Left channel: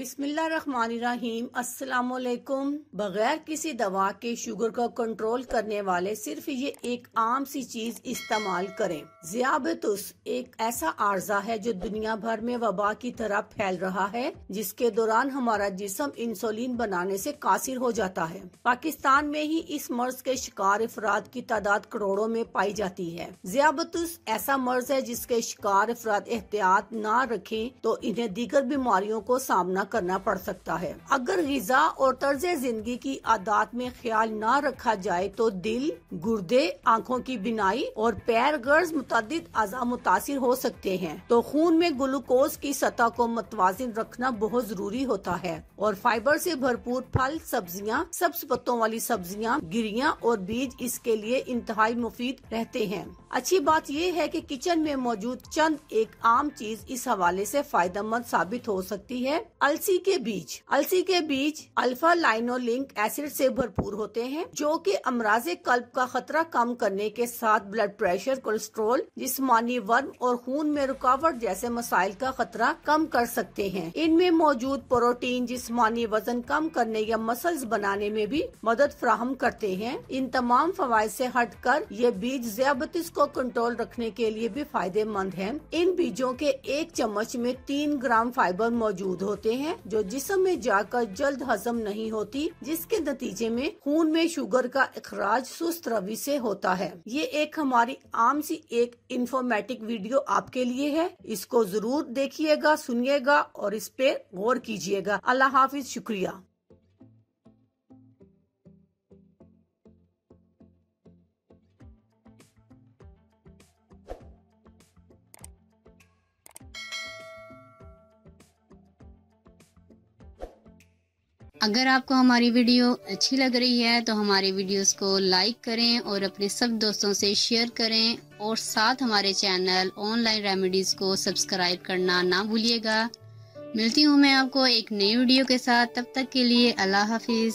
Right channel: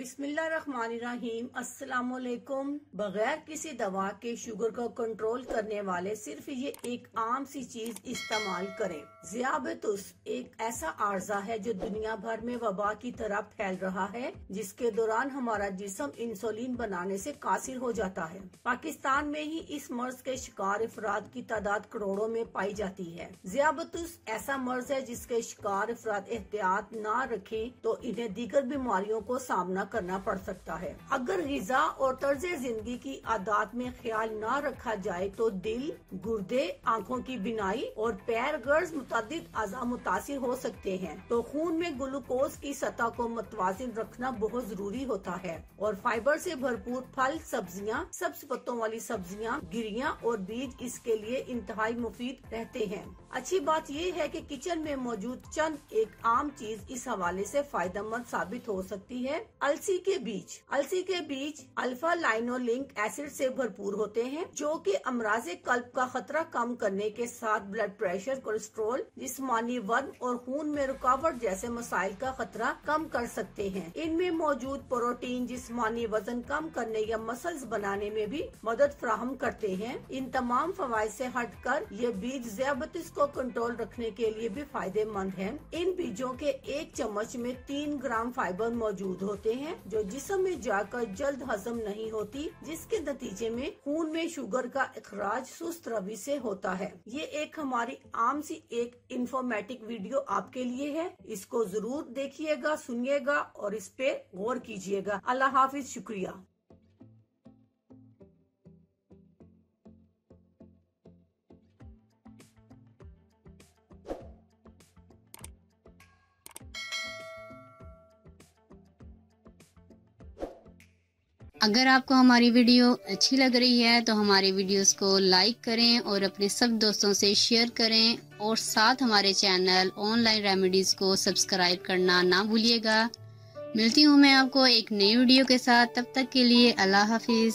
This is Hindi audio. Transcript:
बिस्मिल्लाहिर्रहमानिर्रहीम। अस्सलामुअलैकुम। बगैर किसी दवा के शुगर को कंट्रोल करने वाले सिर्फ ये एक आम सी चीज इस्तेमाल करें। ज़ियाबतुस एक ऐसा आर्जा है जो दुनिया भर में वबा की तरह फैल रहा है, जिसके दौरान हमारा जिस्म इंसुलिन बनाने से कासिर हो जाता है। पाकिस्तान में ही इस मर्ज के शिकार अफराद की तादाद करोड़ों में पाई जाती है। ज़ियाबतुस ऐसा मर्ज है जिसके शिकार अफराद एहतियात न रखें तो इन्हें दीगर बीमारियों को सामना करना पड़ सकता है। अगर ग़िज़ा और तर्ज जिंदगी की आदत में ख्याल न रखा जाए तो दिल, गुर्दे, आँखों की बिनाई और पैर गर्ज मुतअद्दिद अज़ा मुतासिर हो सकते हैं। तो खून में ग्लूकोज की सतह को मुतवाज़िन रखना बहुत जरूरी होता है और फाइबर से भरपूर फल, सब्जियां, सब्ज पत्तों वाली सब्जियां, गिरियां और बीज इसके लिए इंतहाई मुफीद रहते हैं। अच्छी बात यह है कि किचन में मौजूद चंद एक आम चीज इस हवाले से फायदेमंद साबित हो सकती है। अलसी के बीज अल्फा लाइनोलिक एसिड से भरपूर होते हैं, जो कि अमराज़े कल्ब का खतरा कम करने के साथ ब्लड प्रेशर, कोलेस्ट्रॉल, जिस्मानी वजन और खून में रुकावट जैसे मसाइल का खतरा कम कर सकते हैं। इनमें मौजूद प्रोटीन जिस्मानी वजन कम करने या मसल्स बनाने में भी मदद फराहम करते हैं। इन तमाम फवाइद से हटकर ये बीज ज़ियाबतीस को कंट्रोल रखने के लिए भी फायदेमंद हैं। इन बीजों के एक चम्मच में 3 ग्राम फाइबर मौजूद होते हैं, जो जिस्म में जाकर जल्द हजम नहीं होती, जिसके नतीजे में खून में शुगर का इखराज सुस्त रवि से होता है। ये एक हमारी आम सी एक इंफॉर्मेटिव वीडियो आपके लिए है। इसको जरूर देखिएगा, सुनिएगा और इस पे गौर कीजिएगा। अल्लाह हाफिज, शुक्रिया। अगर आपको हमारी वीडियो अच्छी लग रही है तो हमारे वीडियोस को लाइक करें और अपने सब दोस्तों से शेयर करें और साथ हमारे चैनल ऑनलाइन रेमेडीज को सब्सक्राइब करना ना भूलिएगा। मिलती हूँ मैं आपको एक नई वीडियो के साथ, तब तक के लिए अल्लाह हाफिज।